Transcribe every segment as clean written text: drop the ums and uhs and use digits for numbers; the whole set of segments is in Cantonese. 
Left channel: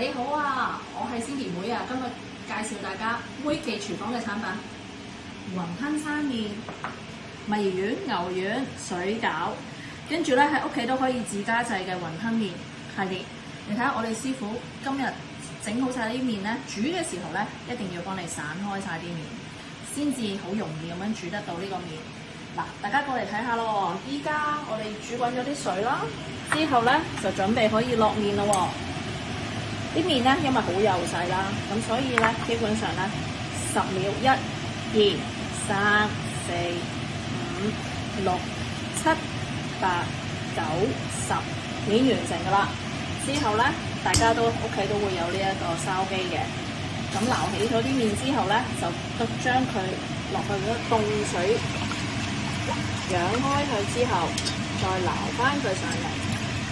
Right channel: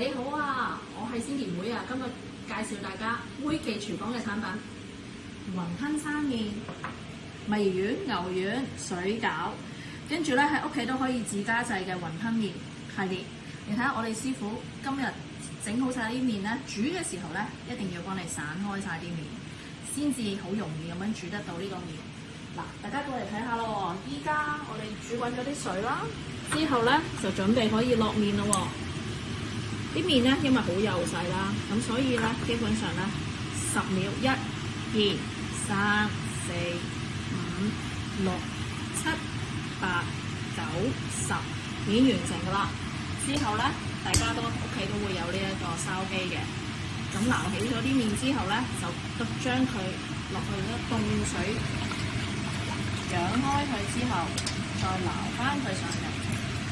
你好啊，我係Cindy妹啊，今日介紹大家妹記廚房嘅產品，雲吞生麵、墨魚丸、牛丸、水餃，跟住咧喺屋企都可以自家製嘅雲吞麵系列。你睇下我哋師傅今日整好晒啲麵咧，煮嘅時候咧一定要幫你散開晒啲麵，先至好容易咁樣煮得到呢個麵。嗱，大家過嚟睇下咯，依家我哋煮滾咗啲水啦，之後咧就準備可以落麵啦喎。啲麵咧，因為好幼細啦，咁所以咧，基本上咧10秒1、2、3、4、5、6、7、8、9、10已經完成㗎啦。之後咧，大家都屋企都會有呢一個燒機嘅。咁撈起咗啲麵之後咧，就將佢落去嗰凍水揚開佢之後，再撈翻佢上嚟。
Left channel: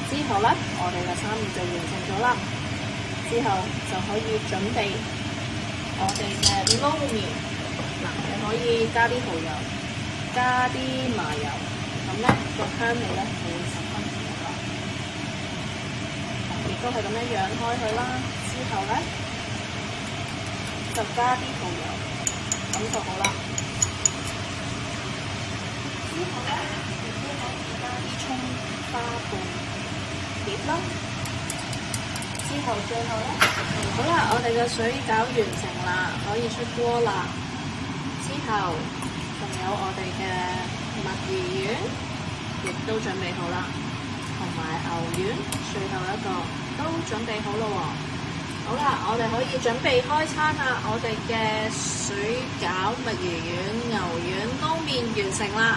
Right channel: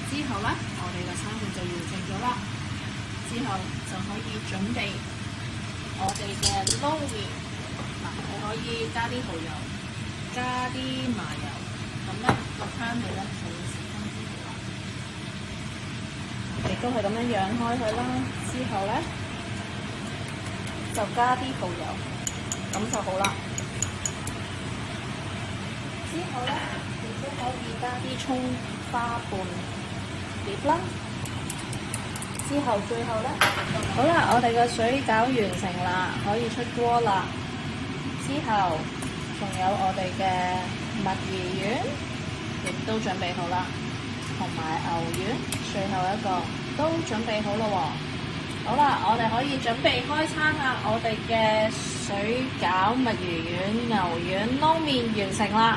之後咧，我哋嘅生麵就完成咗啦。之後就可以準備我哋嘅撈麵。嗱，你可以加啲蠔油，加啲麻油，咁咧個香味咧會十分好啦。亦都係咁樣揚開佢啦。之後咧就加啲蠔油，咁就好啦。之後咧亦都可以加啲葱花半碟啦。之後最後咧，好啦，我哋嘅水餃完成啦，可以出鍋啦。之後仲有我哋嘅墨魚丸，亦都準備好啦，同埋牛丸，最後一個都準備好啦喎。好啦，我哋可以準備開餐啦，我哋嘅水餃、墨魚丸、牛丸撈麵完成啦。